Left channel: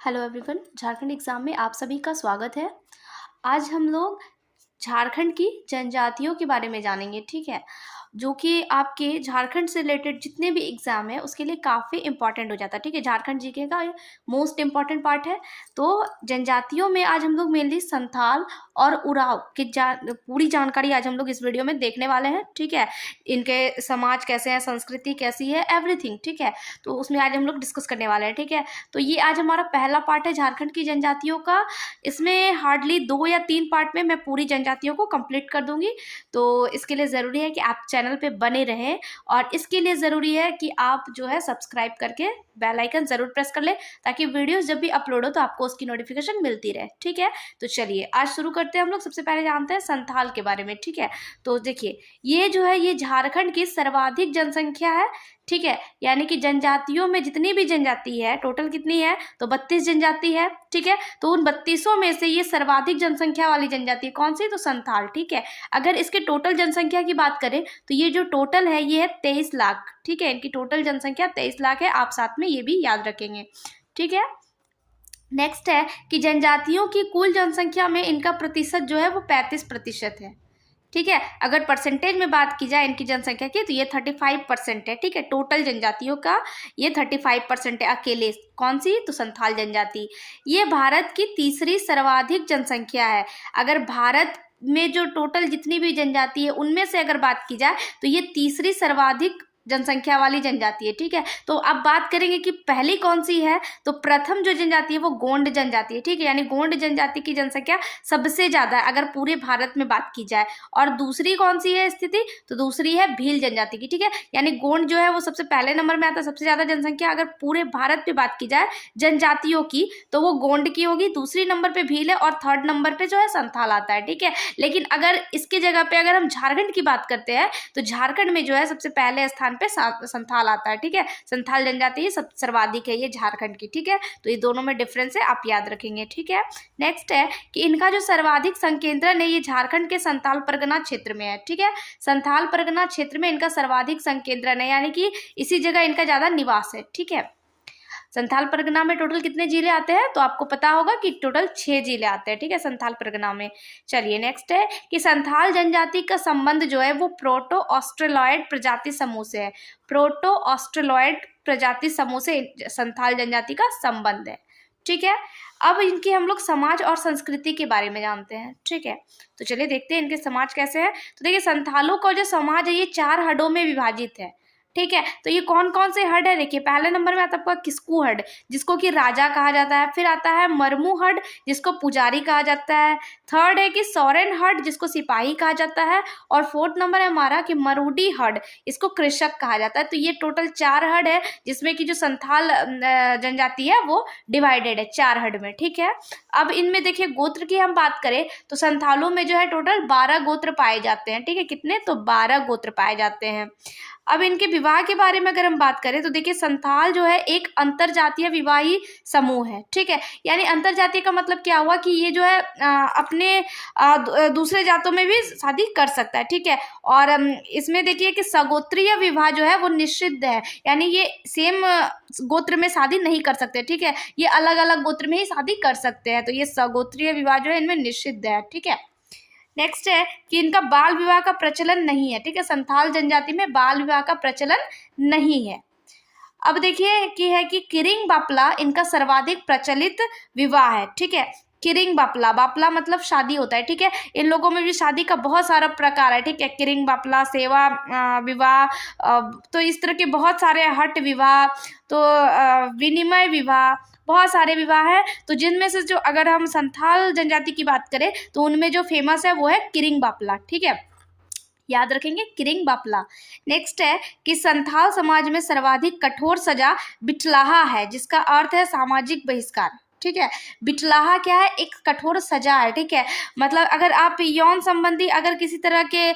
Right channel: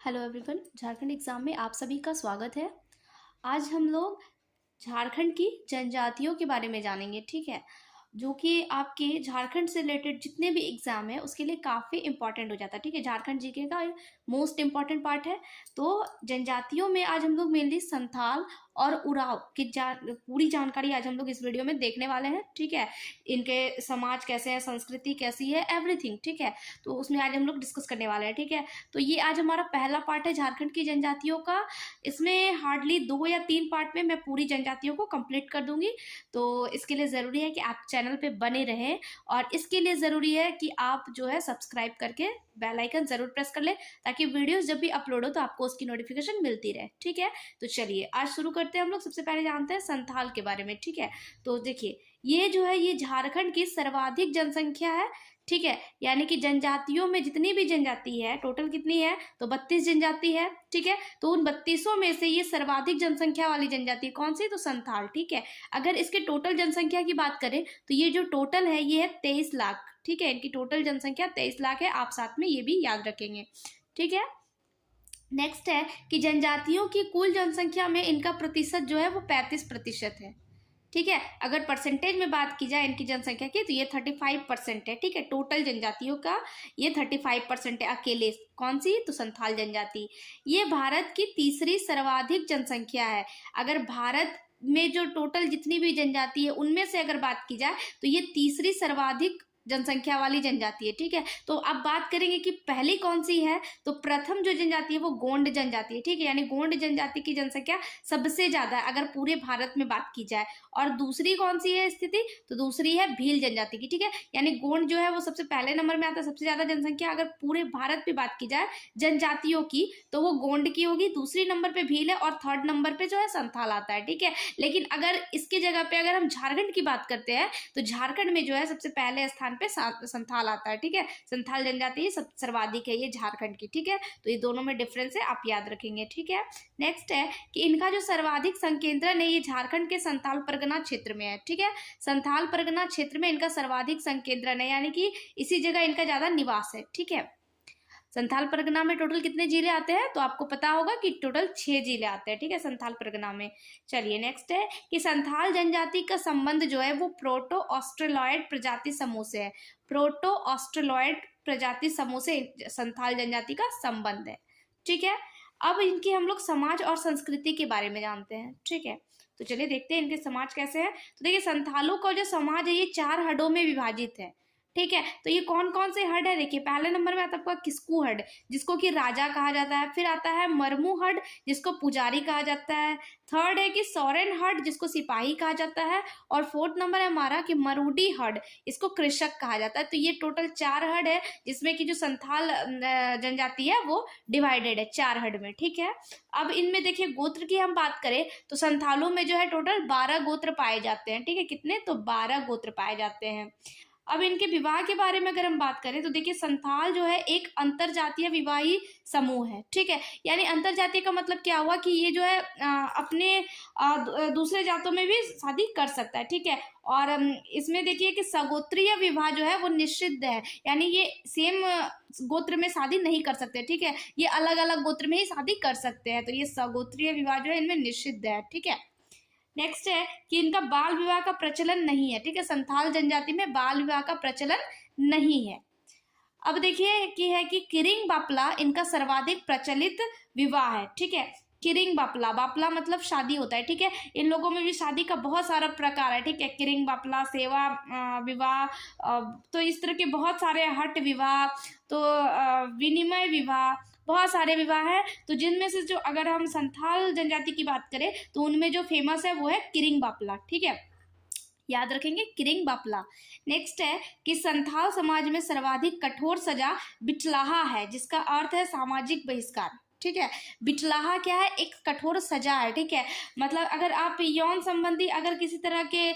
Hello everyone, Jharkhand exam में आप सभी का स्वागत है। आज हम लोग झारखंड की जनजातियों के बारे में जानेंगे, ठीक है? जो कि आपके झारखंड से रिलेटेड जितने भी एग्ज़ाम है उसके लिए काफ़ी इम्पोर्टेंट हो जाता है, ठीक है? झारखंड जीके का ये मोस्ट इम्पोर्टेंट पार्ट है। तो जनजातियों में आज हम लोग मेनली संथाल और उराव की पूरी जानकारी आज हम लोग इस वीडियो में देखने वाले हैं, ठीक है? इनके समाज कैसे हैं, संस्कृति कैसी है, एवरीथिंग, ठीक है? तो उसमें आज हम लोग डिस्कस करने वाले हैं, ठीक है? तो ये आज हमारा पहला पार्ट है झारखंड की जनजातियों का। इसमें हार्डली 2 या 3 पार्ट में मैं पूरी जनजातियों को कंप्लीट कर दूंगी। तो इसके लिए ज़रूरी है कि आप चैनल पे बने रहें, और इसके लिए ज़रूरी है कि आप जो है सब्सक्राइब करके बेल आइकन ज़रूर प्रेस कर लें, ताकि वीडियोस जब भी अपलोड हो तो आपको उसकी नोटिफिकेशन मिलती रहे, ठीक है? तो चलिए आज शुरू करते हैं। हम लोग सबसे पहले जानते हैं संथाल के बारे में, ठीक है? तो देखिए, ये जो है ये झारखंड की सर्वाधिक जनसंख्या है, ठीक है? यानी कि जनजातियों में जितनी भी जनजाति है, टोटल कितनी है? तो 32 जनजाति है, ठीक है? तो उन 32 में से ये सर्वाधिक जनसंख्या वाली जनजाति कौन सी? तो संथाल, ठीक है? अगर इसके टोटल जनसंख्या की बात करें तो ये जो टोटल है ये है 23 लाख, ठीक है? इनकी टोटल जनसंख्या 23 लाख है। आप साथ में ये भी याद रखेंगे, ठीक है? नेक्स्ट है कि जनजातियों की कुल जनसंख्या में इनका प्रतिशत जो है वो 35% है, ठीक है? अगर परसेंटेज में बात की जाए इनकी जनसंख्या की तो ये 35% है, ठीक है? टोटल जनजातियों का ये 35% है। अकेले कौन सी? तो संथाल जनजाति। ये भारत की तीसरी सर्वाधिक जनसंख्या है। अगर भारत में जो टोटल जितनी भी जनजाति है उनमें से अगर बात की जाए तो ये तीसरी सर्वाधिक जनसंख्या वाली जनजाति है, ठीक है? तो अब बात करेंगे कि पहली कौन सी है। तो प्रथम जो जनजाति है वो गोंड जनजाति है, ठीक है? यानी गोंड जनजाति की जनसंख्या सबसे ज्यादा है अगर पूरे भारत में बात की जाए। और दूसरी कौन सी है स्थिति? तो दूसरी है भील जनजाति की, ठीक है? यानी गोंड जो है वो सबसे पहले नंबर में आता है, सबसे ज्यादा जनसंख्या अगर पूरे भारत में बात की जाए जनजातियों की तो वो गोंड की होगी, दूसरी नंबर पे भील है, और थर्ड नंबर पे जो है संथाल आता है, ठीक है? लेकिन अगर इसके जगह पे अगर हम झारखंड की बात करते हैं तो झारखंड में जो है सबसे पहले स्थान पे संथाल आता है, ठीक है? संथाल जनजाति ही सब सर्वाधिक है ये झारखंड की, ठीक है? तो ये दोनों में डिफरेंस है, आप याद रखेंगे, ठीक है? नेक्स्ट है कि इनका जो सर्वाधिक संकेंद्रण है ये झारखंड के संथाल परगना क्षेत्र में है, ठीक है? संथाल परगना क्षेत्र में इनका सर्वाधिक संकेंद्रण है, यानी कि इसी जगह इनका ज्यादा निवास है, ठीक है? संथाल परगना में टोटल कितने जिले आते हैं? तो आपको पता होगा कि टोटल 6 जिले आते हैं, ठीक है, संथाल परगना में। चलिए नेक्स्ट है कि संथाल जनजाति का संबंध जो है वो प्रोटो ऑस्ट्रेलॉयड प्रजाति समूह से है। प्रोटो ऑस्ट्रेलॉयड प्रजाति समूह से संथाल जनजाति का संबंध है, ठीक है? अब इनके हम लोग समाज और संस्कृति के बारे में जानते हैं, ठीक है? तो चलिए देखते हैं इनके समाज कैसे है। तो देखिए, संथालों का जो समाज है ये 4 हडों में विभाजित है, ठीक है? तो ये कौन कौन से हड है? देखिए, पहले नंबर में आता है आपका किस्कू हड, जिसको कि राजा कहा जाता है। फिर आता है मरमू हड, जिसको पुजारी कहा जाता है। थर्ड है कि सोरेन हड, जिसको सिपाही कहा जाता है। और फोर्थ नंबर है हमारा कि मरूडी हड, इसको कृषक कहा जाता है। तो ये टोटल 4 हड है, जिसमें कि जो संथाल जनजाति है वो डिवाइडेड है 4 हड में, ठीक है? अब इनमें देखिए गोत्र की हम बात करें तो संथालों में जो है टोटल 12 गोत्र पाए जाते हैं, ठीक है? कितने? तो 12 गोत्र पाए जाते हैं। अब इनके विवाह के बारे में अगर हम बात करें तो देखिए, संथाल जो है एक अंतरजातीय विवाही समूह है, ठीक है? यानी अंतरजातीय का मतलब क्या हुआ कि ये जो है अपने दूसरे जातों में भी शादी कर सकता है, ठीक है? और इसमें देखिए कि सगोत्रीय विवाह जो है वो निषिद्ध है, यानी ये सेम गोत्र में शादी नहीं कर सकते, ठीक है? ये अलग अलग गोत्र में ही शादी कर सकते हैं। तो ये सगोत्रीय विवाह जो है इनमें निषिद्ध है, ठीक है? नेक्स्ट है कि इनका बाल विवाह का प्रचलन नहीं है, ठीक है? संथाल जनजाति में बाल विवाह का प्रचलन नहीं है। अब देखिए कि है कि किरिंग बापला इनका सर्वाधिक प्रचलित विवाह है, ठीक है? किरिंग बापला, बापला मतलब शादी होता है, ठीक है? इन लोगों में भी शादी का बहुत सारा प्रकार है, ठीक है? किरिंग बापला, सेवा विवाह, तो इस तरह के बहुत सारे हट विवाह, तो विनिमय विवाह, बहुत सारे विवाह है। तो जिनमें से जो अगर हम संथाल जनजाति की बात करें तो उनमें जो फेमस है वो है किरिंग बापला, ठीक है? याद रखेंगे, किरिंग बापला। नेक्स्ट है कि संथाल समाज में सर्वाधिक कठोर सजा बिटलाहा है, जिसका अर्थ है सामाजिक बहिष्कार, ठीक है? बिटलाहा क्या है? एक कठोर सजा है, ठीक है? मतलब अगर आप यौन संबंधी अगर किसी तरह के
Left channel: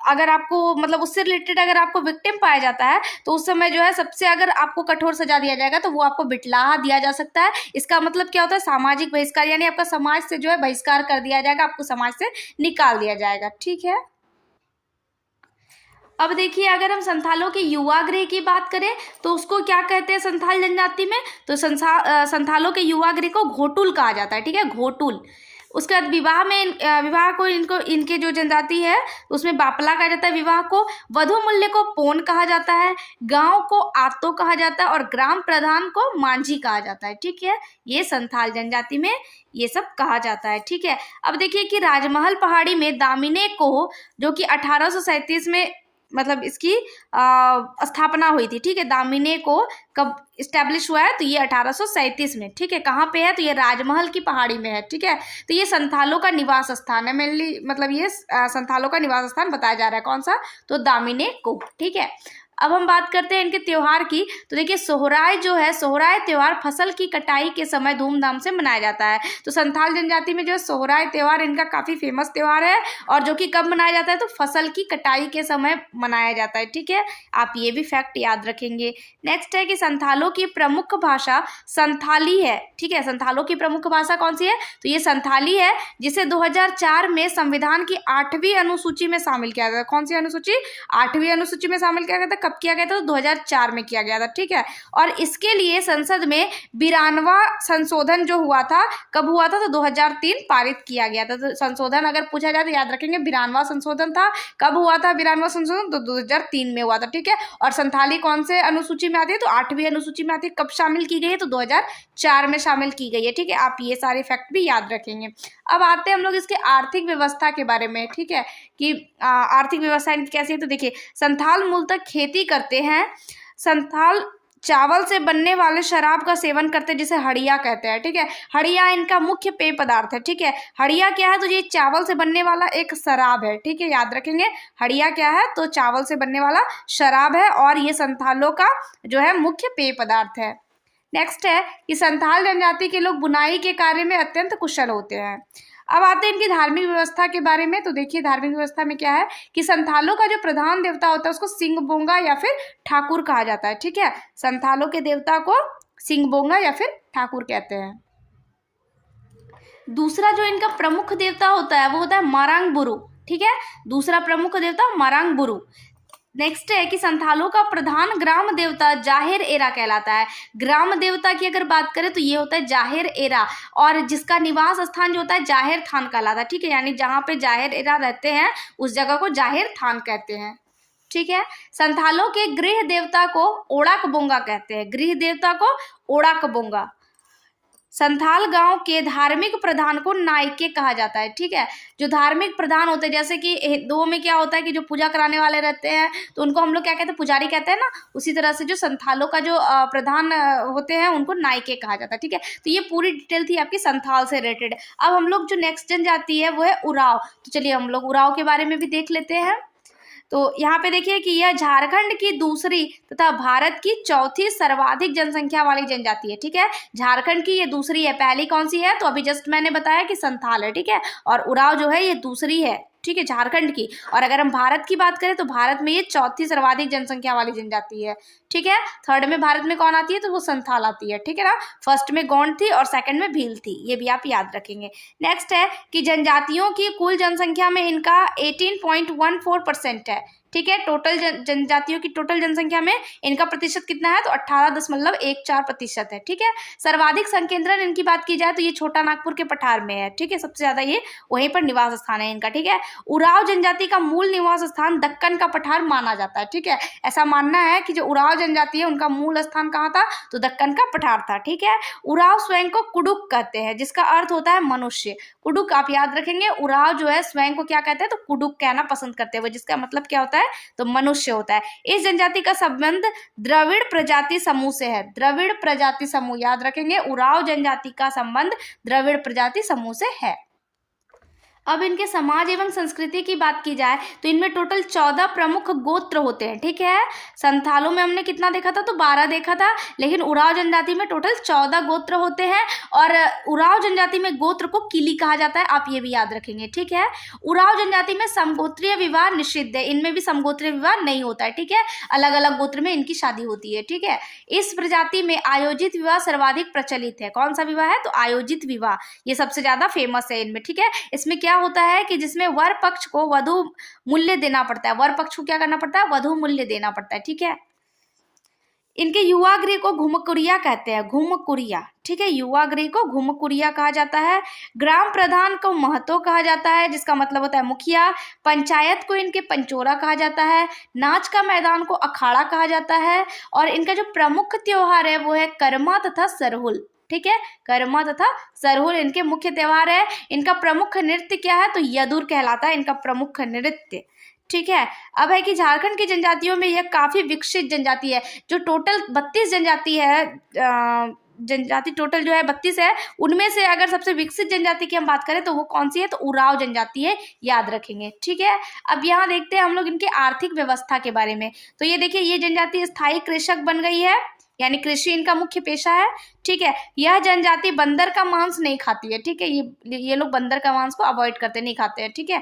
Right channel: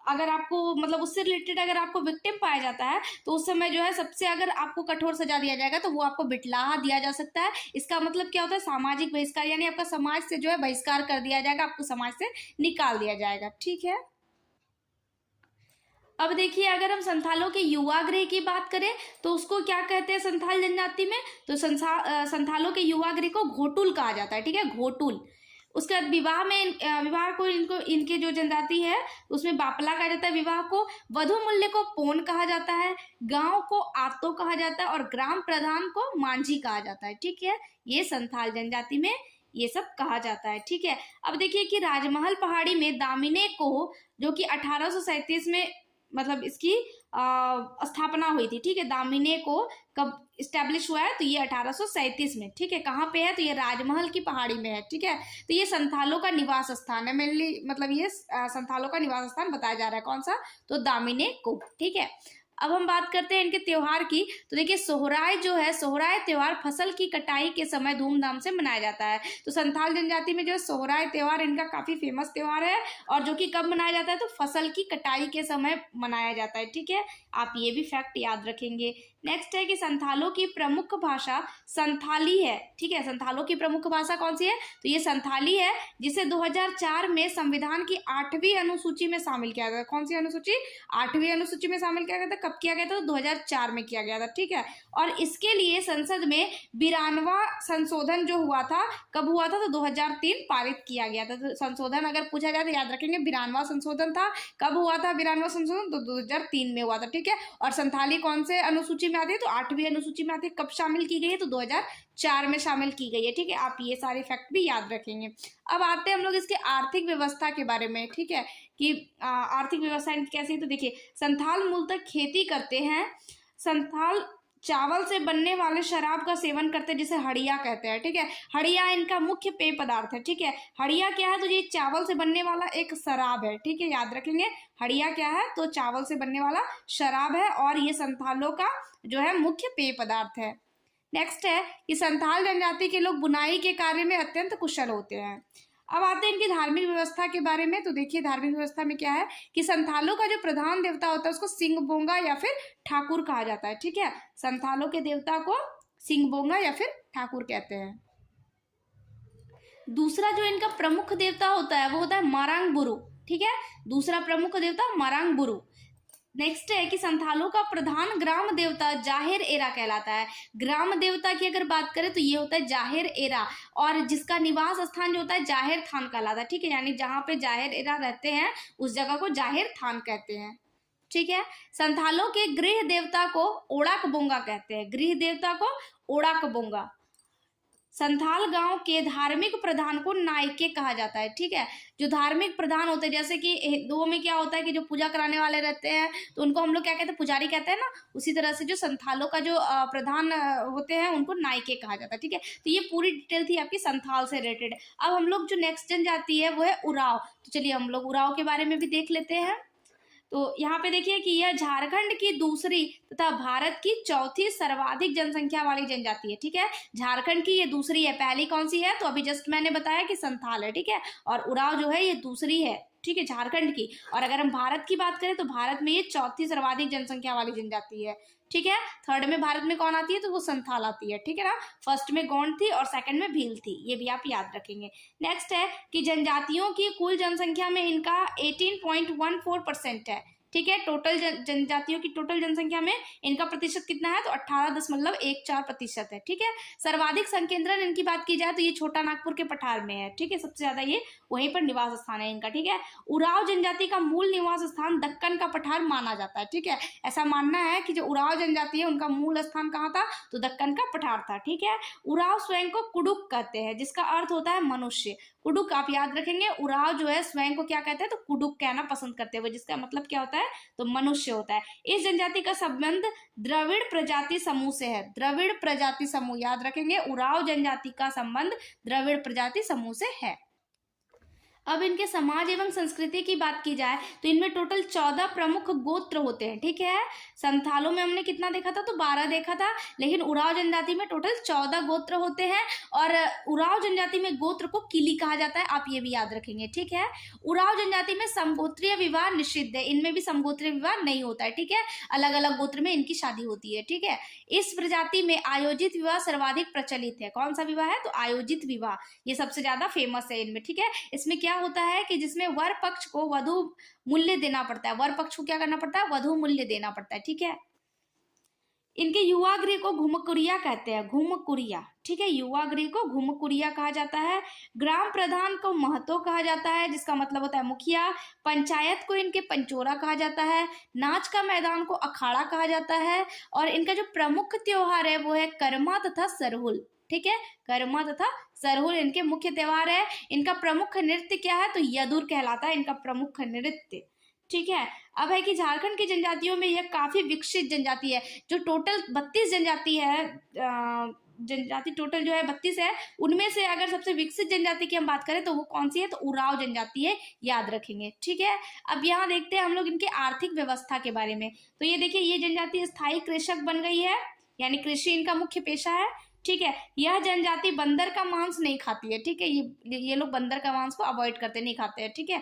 अगर आपको मतलब उससे रिलेटेड अगर आपको विक्टिम पाया जाता है तो उस समय जो है सबसे अगर आपको कठोर सजा दिया जाएगा तो वो आपको बिटलाहा दिया जा सकता है। इसका मतलब क्या होता है? सामाजिक बहिष्कार, यानी आपका समाज से जो है बहिष्कार कर दिया जाएगा, आपको समाज से निकाल दिया जाएगा, ठीक है? अब देखिए, अगर हम संथालों के युवा गृह की बात करें तो उसको क्या कहते हैं संथाल जनजाति में, तो संथालों के युवा गृह को घोटुल कहा जाता है, ठीक है, घोटुल। उसके बाद विवाह में विवाह को इनको इनके जो जनजाति है उसमें बापला कहा जाता है विवाह को। वधु मूल्य को पोन कहा जाता है, गांव को आतो कहा जाता है और ग्राम प्रधान को मांझी कहा जाता है, ठीक है। ये संथाल जनजाति में ये सब कहा जाता है, ठीक है। अब देखिए कि राजमहल पहाड़ी में दामिने को, जो कि 1837 में मतलब इसकी स्थापना हुई थी, ठीक है। दामिने को कब इस्टेब्लिश हुआ है, तो ये 1837 में, ठीक है। कहाँ पे है, तो ये राजमहल की पहाड़ी में है, ठीक है। तो ये संथालों का निवास स्थान है मेनली, मतलब ये संथालों का निवास स्थान बताया जा रहा है, कौन सा, तो दामिने को, ठीक है। अब हम बात करते हैं इनके त्योहार की, तो देखिए सोहराय जो है, सोहराय त्योहार फसल की कटाई के समय धूमधाम से मनाया जाता है। तो संथाल जनजाति में जो है सोहराय त्योहार इनका काफी फेमस त्योहार है, और जो कि कब मनाया जाता है, तो फसल की कटाई के समय मनाया जाता है, ठीक है। आप ये भी फैक्ट याद रखेंगे। नेक्स्ट है कि संथालों की प्रमुख भाषा संथाली है, ठीक है। संथालों की प्रमुख भाषा कौन सी है, तो ये संथाली है, जिसे 2004 में संविधान की 8वीं अनुसूची में शामिल किया गया। कौन सी अनुसूची, 8वीं अनुसूची में शामिल किया गया था। कब किया गया था, तो 2004 में किया गया था, ठीक है। और इसके लिए संसद में 92वां संशोधन जो हुआ था, कब हुआ था, तो 2003 पारित किया गया था। तो संशोधन अगर पूछा जाए तो याद रखेंगे 92वां संशोधन था। कब हुआ था 92वां संशोधन, तो 2003 में हुआ था, ठीक है। और संथाली कौन से अनुसूची में आती है, तो 8वीं अनुसूची में आती है। कब शामिल की गई है, तो 2004 में शामिल की गई है, ठीक है। आप ये सारे फैक्ट भी याद रखेंगे। अब आते हैं हम लोग इसके आर्थिक व्यवस्था के बारे में, ठीक है, कि आर्थिक व्यवस्था इनकी कैसी है। तो देखिए संथाल मूलतः खेती करते हैं। संथाल चावल से बनने वाले शराब का सेवन करते हैं, जिसे हड़िया कहते हैं, ठीक है। हड़िया इनका मुख्य पेय पदार्थ है, ठीक है। हड़िया क्या है, तो ये चावल से बनने वाला एक शराब है, ठीक है, याद रखेंगे। हड़िया क्या है, तो चावल से बनने वाला शराब है, और ये संथालों का जो है मुख्य पेय पदार्थ है। नेक्स्ट है कि संथाल जनजाति के लोग बुनाई के कार्य में अत्यंत कुशल होते हैं। अब आते हैं इनकी धार्मिक व्यवस्था के बारे में। तो देखिए धार्मिक व्यवस्था में क्या है कि संथालों का जो प्रधान देवता होता है उसको सिंहबोंगा या फिर ठाकुर कहा जाता है, ठीक है। संथालों के देवता को सिंहबोंगा या फिर ठाकुर कहते हैं। दूसरा जो इनका प्रमुख देवता होता है वो होता है मारांग बुरु, ठीक है। दूसरा प्रमुख देवता मारांग बुरु। नेक्स्ट है कि संथालों का प्रधान ग्राम देवता जाहिर एरा कहलाता है। ग्राम देवता की अगर बात करें तो ये होता है जाहिर एरा, और जिसका निवास स्थान जो होता है जाहिर थान कहलाता है, ठीक है। यानी जहाँ पे जाहिर एरा रहते हैं उस जगह को जाहिर थान कहते हैं, ठीक है। संथालों के गृह देवता को ओड़ाक बोंगा कहते हैं, गृह देवता को ओड़ाक बोंगा। संथाल गांव के धार्मिक प्रधान को नायके कहा जाता है, ठीक है। जो धार्मिक प्रधान होते हैं, जैसे कि हिंदुओं में क्या होता है कि जो पूजा कराने वाले रहते हैं तो उनको हम लोग क्या कहते हैं, पुजारी कहते हैं ना, उसी तरह से जो संथालों का जो प्रधान होते हैं उनको नायके कहा जाता है, ठीक है। तो ये पूरी डिटेल थी आपकी संथाल से रिलेटेड। अब हम लोग जो नेक्स्ट जनजाति है वो है उराव। तो चलिए हम लोग उराव के बारे में भी देख लेते हैं। तो यहाँ पे देखिए कि यह झारखंड की दूसरी तथा भारत की चौथी सर्वाधिक जनसंख्या वाली जनजाति है, ठीक है। झारखंड की ये दूसरी है, पहली कौन सी है, तो अभी जस्ट मैंने बताया कि संथाल है, ठीक है। और उराव जो है ये दूसरी है, ठीक है, झारखंड की। और अगर हम भारत की बात करें तो भारत में ये चौथी सर्वाधिक जनसंख्या वाली जनजाति है, ठीक है। थर्ड में भारत में कौन आती है, तो वो संथाल आती है, ठीक है ना। फर्स्ट में गोंड थी और सेकंड में भील थी, ये भी आप याद रखेंगे। नेक्स्ट है कि जनजातियों की कुल जनसंख्या में इनका 18.14% है, ठीक है। टोटल जनजातियों की टोटल जनसंख्या में इनका प्रतिशत कितना है, तो 18.14% है, ठीक है। सर्वाधिक संकेंद्रण इनकी बात की जाए तो ये छोटा नागपुर के पठार में है, ठीक है। सबसे ज्यादा ये वहीं पर निवास स्थान है इनका, ठीक है। उराव जनजाति का मूल निवास स्थान दक्कन का पठार माना जाता है, ठीक है। ऐसा मानना है कि जो उराव जनजाति है उनका मूल स्थान कहाँ था, तो दक्कन का पठार था, ठीक है। उराव स्वयं को कुडुक कहते हैं, जिसका अर्थ होता है मनुष्य। कुडुक आप याद रखेंगे, उराव जो है स्वयं को क्या कहते हैं, तो कुडुक कहना पसंद करते हैं, जिसका मतलब क्या होता है, तो मनुष्य होता है। इस जनजाति का संबंध द्रविड़ प्रजाति समूह से है, द्रविड़ प्रजाति समूह याद रखेंगे, उराव जनजाति का संबंध द्रविड़ प्रजाति समूह से है। अब इनके समाज एवं संस्कृति की बात की जाए तो इनमें टोटल 14 प्रमुख गोत्र होते हैं, ठीक है। संथालों में हमने कितना देखा था, तो 12 देखा था, लेकिन उराव जनजाति में टोटल 14 गोत्र होते हैं। और उराव जनजाति में गोत्र को किली कहा जाता है, आप ये भी याद रखेंगे, ठीक है। उराव जनजाति में समगोत्रीय विवाह निषिद्ध है, इनमें भी समगोत्रीय विवाह नहीं होता है, ठीक है। अलग अलग गोत्र में इनकी शादी होती है, ठीक है। इस प्रजाति में आयोजित विवाह सर्वाधिक प्रचलित है। कौन सा विवाह है, तो आयोजित विवाह, ये सबसे ज्यादा फेमस है इनमें, ठीक है। इसमें क्या होता है कि जिसमें वर पक्ष को वधु मूल्य देना पड़ता है, वर पक्ष को क्या करना पड़ता है, वधु मूल्य देना पड़ता है, ठीक है। इनके युवा गृह को घुमकुरिया कहते हैं, घुमकुरिया, ठीक है, युवा गृह को घुमकुरिया कहा जाता है। ग्राम प्रधान को महतो कहा जाता है, जिसका मतलब होता है मुखिया। पंचायत को इनके पंचोरा कहा जाता है। नाच का मैदान को अखाड़ा कहा जाता है। और इनका जो प्रमुख त्योहार है वो है करमा तथा सरहुल, ठीक है, करमा तथा सरहुल इनके मुख्य त्योहार है। इनका प्रमुख नृत्य क्या है, तो यदुर कहलाता है इनका प्रमुख नृत्य, ठीक है। अब है कि झारखंड की जनजातियों में यह काफी विकसित जनजाति है। जो टोटल 32 जनजाति है, जनजाति टोटल जो है 32 है, उनमें से अगर सबसे विकसित जनजाति की हम बात करें तो वो कौन सी है, तो उराव जनजाति है, याद रखेंगे, ठीक है। अब यहाँ देखते हैं हम लोग इनके आर्थिक व्यवस्था के बारे में। तो ये देखिए, ये जनजाति स्थायी कृषक बन गई है, यानी कृषि इनका मुख्य पेशा है, ठीक है। यह जनजाति बंदर का मांस नहीं खाती है, ठीक है, ये लोग बंदर का मांस को अवॉइड करते, नहीं खाते हैं, ठीक है।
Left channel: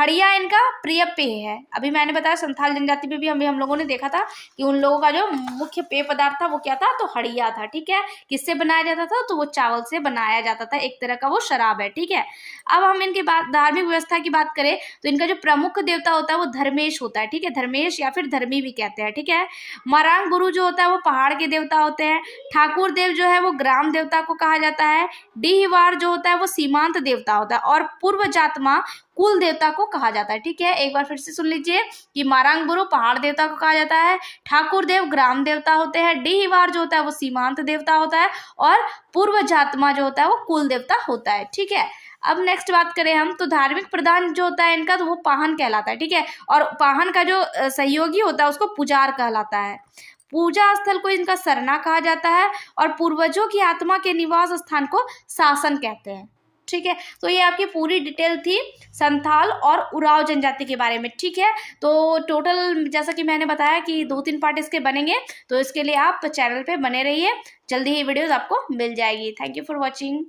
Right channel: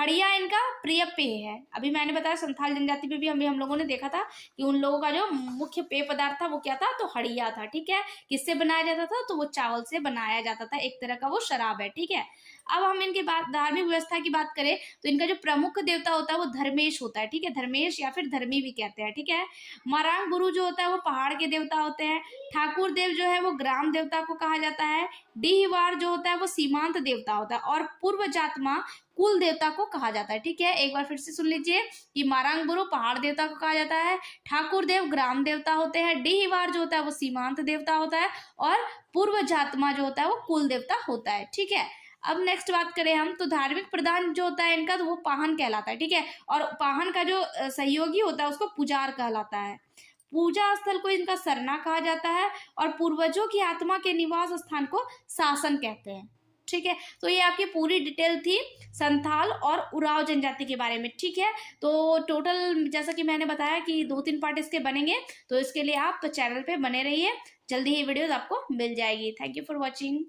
हड़िया इनका प्रिय पेय है। अभी मैंने बताया संथाल जनजाति में भी हम लोगों ने देखा था कि उन लोगों का जो मुख्य पेय पदार्थ था वो क्या था, तो हड़िया था, ठीक है। किससे बनाया जाता था, तो वो चावल से बनाया जाता था, एक तरह का वो शराब है, ठीक है। अब हम इनकी बात धार्मिक व्यवस्था की बात करें तो इनका जो प्रमुख देवता होता है वो धर्मेश होता है, ठीक है, धर्मेश या फिर धर्मी भी कहते हैं, ठीक है। मरांग गुरु जो होता है वो पहाड़ के देवता होते हैं। ठाकुर देव जो है वो ग्राम देवता को कहा जाता है। डीहवार जो होता है वो सीमांत देवता होता है। और पूर्व जातमा कुल देवता को कहा जाता है, ठीक है। एक बार फिर से सुन लीजिए कि मारांग गुरु पहाड़ देवता को कहा जाता है, ठाकुर देव ग्राम देवता होते हैं, डीहवार जो होता है वो सीमांत देवता होता है, और पूर्व जातमा जो होता है वो कुल देवता होता है, ठीक है। अब नेक्स्ट बात करें हम, तो धार्मिक प्रधान जो होता है इनका, तो वो पाहन कहलाता है, ठीक है। और पाहन का जो सहयोगी होता है उसको पुजार कहलाता है। पूजा स्थल को इनका सरना कहा जाता है। और पूर्वजों की आत्मा के निवास स्थान को शासन कहते हैं, ठीक है। तो ये आपकी पूरी डिटेल थी संथाल और उराव जनजाति के बारे में, ठीक है। तो टोटल जैसा कि मैंने बताया कि 2-3 पार्ट इसके बनेंगे, तो इसके लिए आप चैनल पे बने रहिए, जल्दी ही वीडियोस आपको मिल जाएगी। Thank you for watching.